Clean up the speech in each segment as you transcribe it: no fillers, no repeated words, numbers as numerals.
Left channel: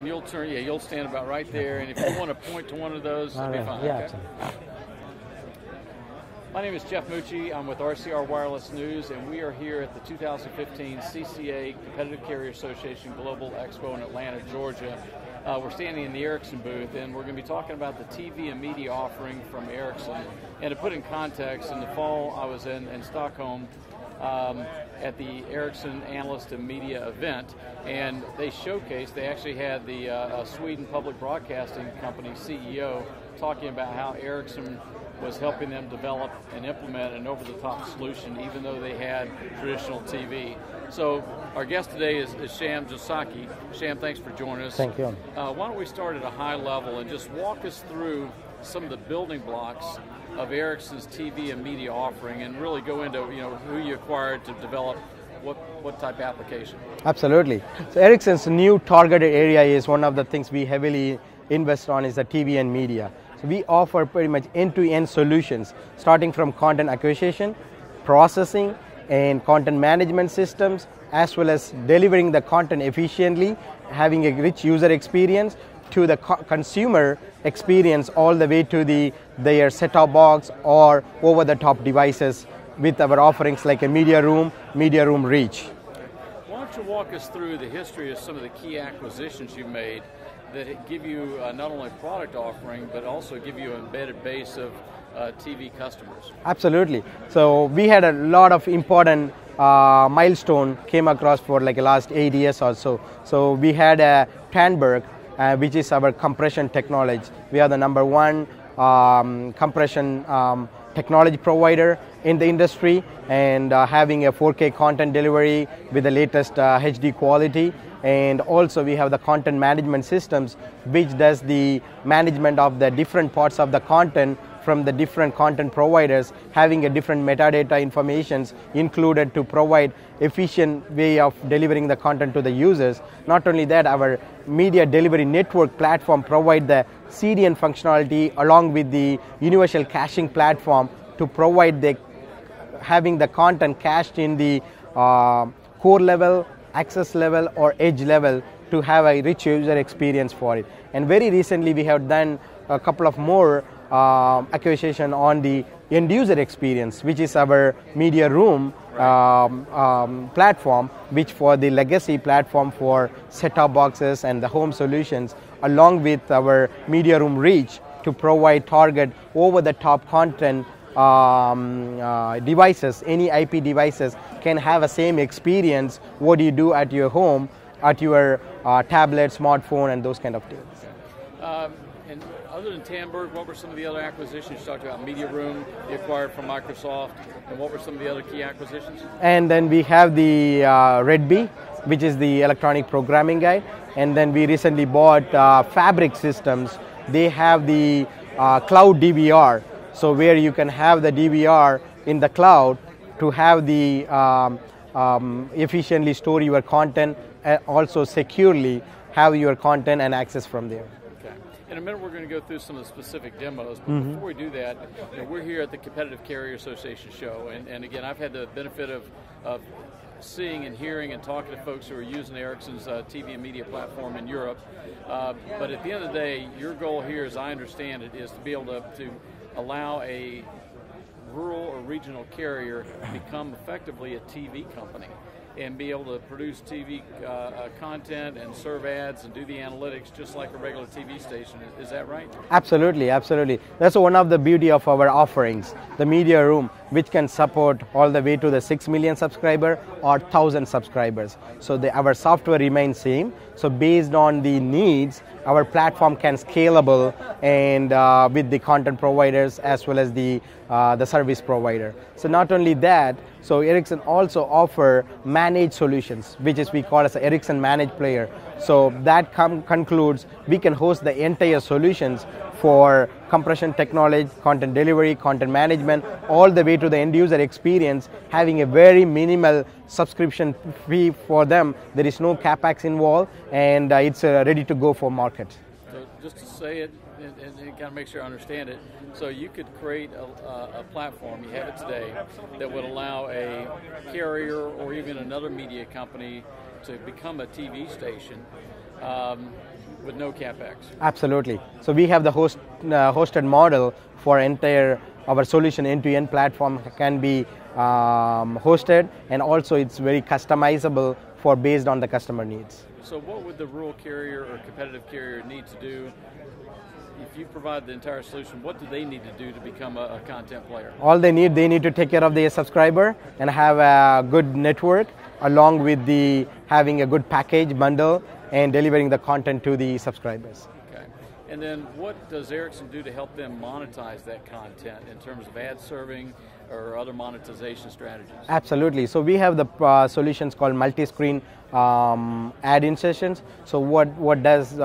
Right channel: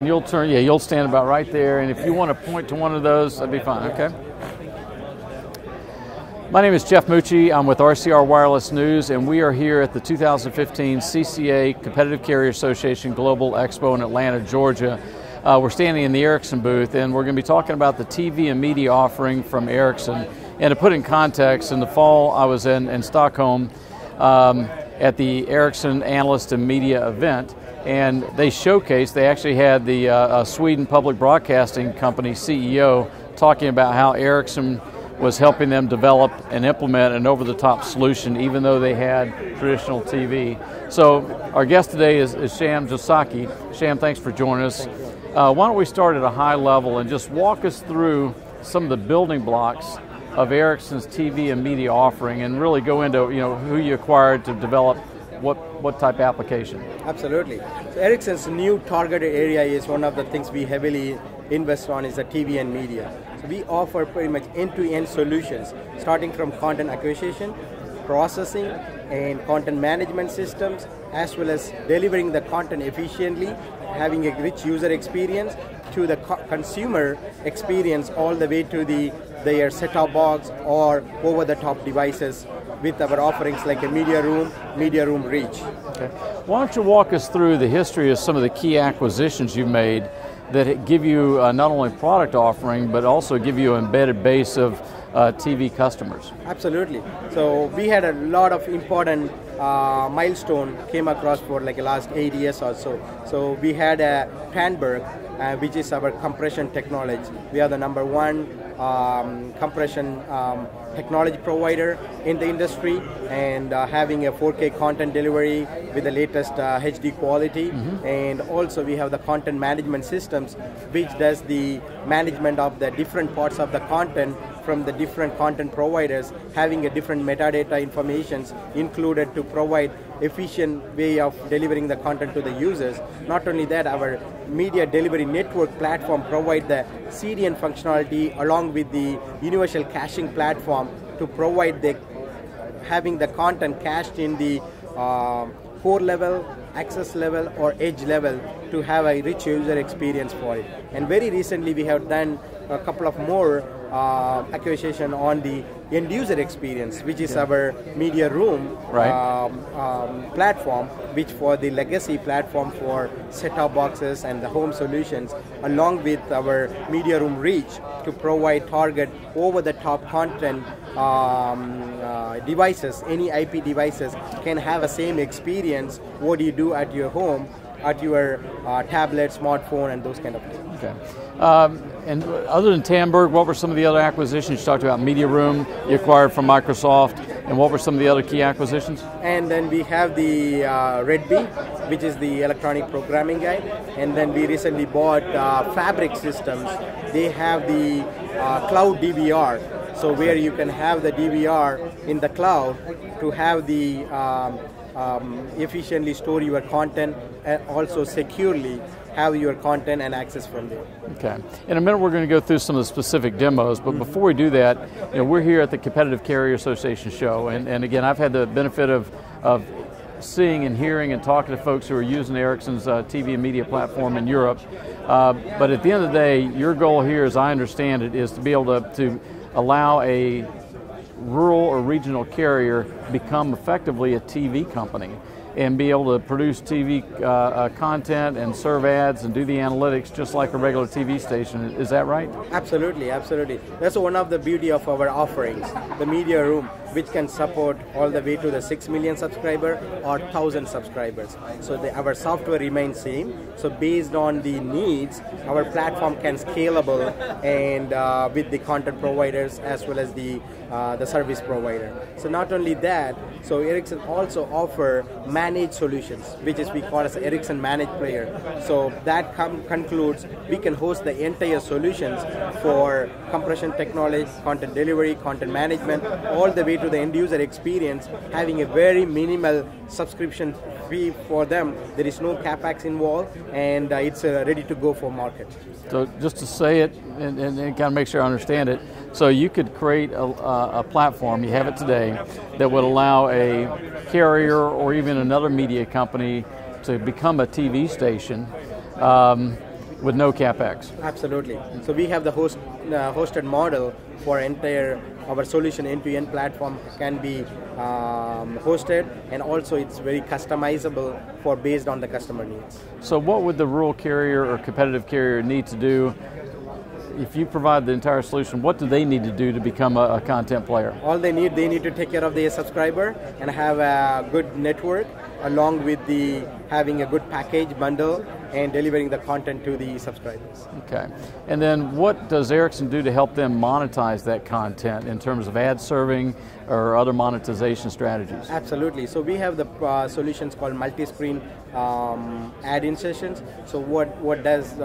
You'll turn, yeah, you'll stand about right there, and if you want to point to one of those, that'd be fine, okay? My name is Jeff Mucci. I'm with RCR Wireless News, and we are here at the 2015 CCA Competitive Carrier Association Global Expo in Atlanta, Georgia. We're standing in the Ericsson booth, and we're going to be talking about the TV and media offering from Ericsson. And to put in context, in the fall I was in Stockholm at the Ericsson Analyst and Media event, and they actually had the Sweden Public Broadcasting Company CEO talking about how Ericsson was helping them develop and implement an over-the-top solution even though they had traditional TV. So our guest today is Sham Josaki. Sham, thanks for joining us. Thank you. Why don't we start at a high level and just walk us through some of the building blocks of Ericsson's TV and media offering, and really go into who you acquired to develop what type of application. Absolutely. So Ericsson's new targeted area is one of the things we heavily invest on is the TV and media. So we offer pretty much end-to-end solutions, starting from content acquisition, processing, and content management systems, as well as delivering the content efficiently, having a rich user experience, to the consumer experience, all the way to their set-top box or over-the-top devices with our offerings like a media room reach. Okay. Why don't you walk us through the history of some of the key acquisitions you made that give you not only product offering, but also give you an embedded base of TV customers? Absolutely. So we had a lot of important milestone came across for like the last 8 years or so. So we had a Tandberg, which is our compression technology. We are the #1 compression technology provider in the industry, and having a 4K content delivery with the latest HD quality. And also we have the content management systems, which does the management of the different parts of the content from the different content providers, having a different metadata informations included to provide efficient way of delivering the content to the users. Not only that, our media delivery network platform provide the CDN functionality along with the universal caching platform to provide having the content cached in the core level, access level, or edge level to have a rich user experience for it. And very recently we have done a couple of more acquisition on the end user experience, which is our media room platform, which for the legacy platform for set-top boxes and the home solutions, along with our media room reach to provide target over-the-top content devices. Any IP devices can have a same experience what you do at your home, at your tablet, smartphone, and those kind of things. Okay. And other than Tandberg, what were some of the other acquisitions? You talked about Media Room, you acquired from Microsoft, and what were some of the other key acquisitions? And then we have the Redby, which is the electronic programming guy. And then we recently bought Fabric Systems. They have the cloud DVR, so where you can have the DVR in the cloud to have the efficiently store your content and also securely have your content and access from there. Okay. In a minute we're going to go through some of the specific demos, but before we do that, we're here at the Competitive Carrier Association show, and again, I've had the benefit of seeing and hearing and talking to folks who are using Ericsson's TV and media platform in Europe. But at the end of the day, your goal here, as I understand it, is to be able to allow a rural or regional carrier become effectively a TV company and be able to produce TV content and serve ads and do the analytics just like a regular TV station. Is that right? Absolutely, absolutely. That's one of the beauty of our offerings, the media room, which can support all the way to the 6 million subscriber or 1,000 subscribers. So our software remains same. So based on the needs, our platform can scalable and with the content providers as well as the service provider. So not only that, so Ericsson also offer managed solutions, which is we call as Ericsson Managed Player. So that concludes we can host the entire solutions for compression technology, content delivery, content management, all the way to the end user experience, having a very minimal subscription fee for them. There is no capex involved, and it's ready to go for market. So just to say it and kind of make sure I understand it, so you could create a platform, you have it today, that would allow a carrier or even another media company to become a TV station with no CapEx. Absolutely. So we have the hosted model for our solution end-to-end platform can be hosted, and also it's very customizable based on the customer needs. So what would the rural carrier or competitive carrier need to do? If you provide the entire solution, what do they need to do to become a content player? All they need to take care of their subscriber and have a good network, along with having a good package bundle and delivering the content to the subscribers. Okay. And then what does Ericsson do to help them monetize that content in terms of ad serving or other monetization strategies? Absolutely. So we have the solutions called multi-screen ad insertions. So what does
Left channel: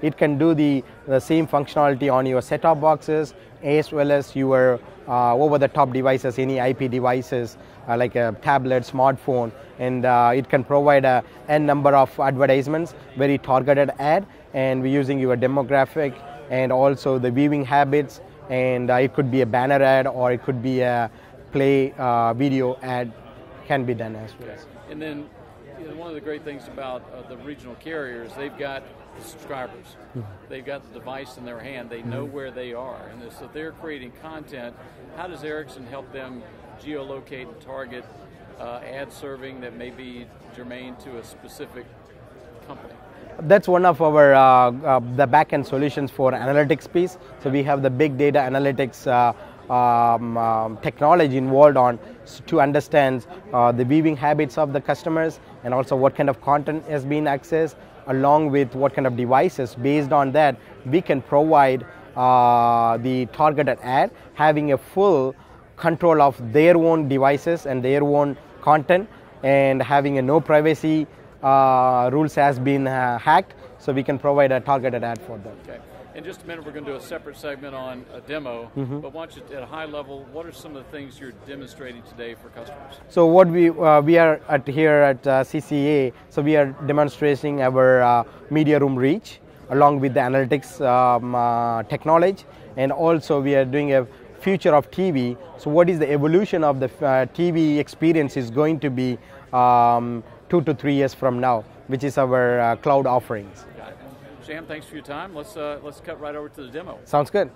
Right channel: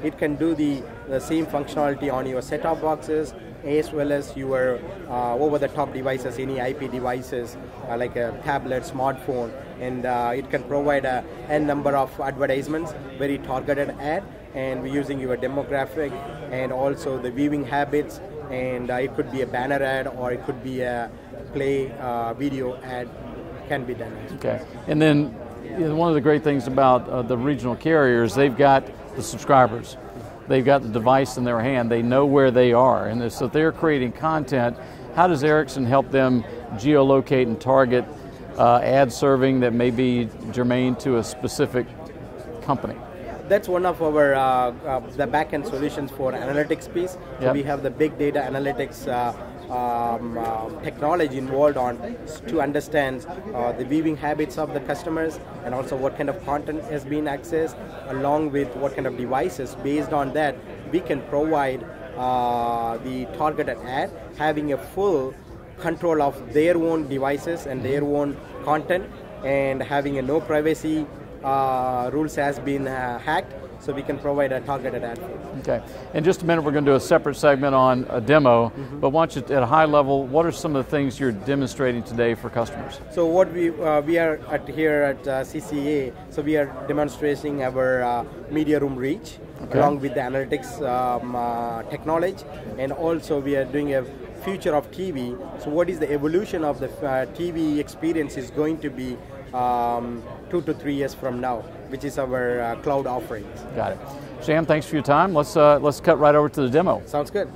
it can do the same functionality on your set-top boxes as well as your over-the-top devices, any IP devices like a tablet, smartphone, and it can provide a number of advertisements, very targeted ad, and we're using your demographic and also the viewing habits, and it could be a banner ad or it could be a play video ad can be done as well. Okay, and then one of the great things about the regional carriers, they've got the subscribers. They've got the device in their hand. They know where they are, and so they're creating content. How does Ericsson help them geolocate and target ad serving that may be germane to a specific company? That's one of our the back-end solutions for analytics piece. So Yep. we have the big data analytics technology involved to understand the viewing habits of the customers and also what kind of content is being accessed, along with what kind of devices. Based on that, we can provide the targeted ad, having a full control of their own devices and their own content, and having a no privacy rules has been hacked, so we can provide a targeted ad for them. Okay. In just a minute, we're going to do a separate segment on a demo, but why don't you, at a high level, what are some of the things you're demonstrating today for customers? So what we are here at CCA, so we are demonstrating our media room reach, along with the analytics technology, and also we are doing a future of TV. So what is the evolution of the TV experience is going to be 2 to 3 years from now, which is our cloud offerings. Got it. Sham, thanks for your time. Let's cut right over to the demo. Sounds good.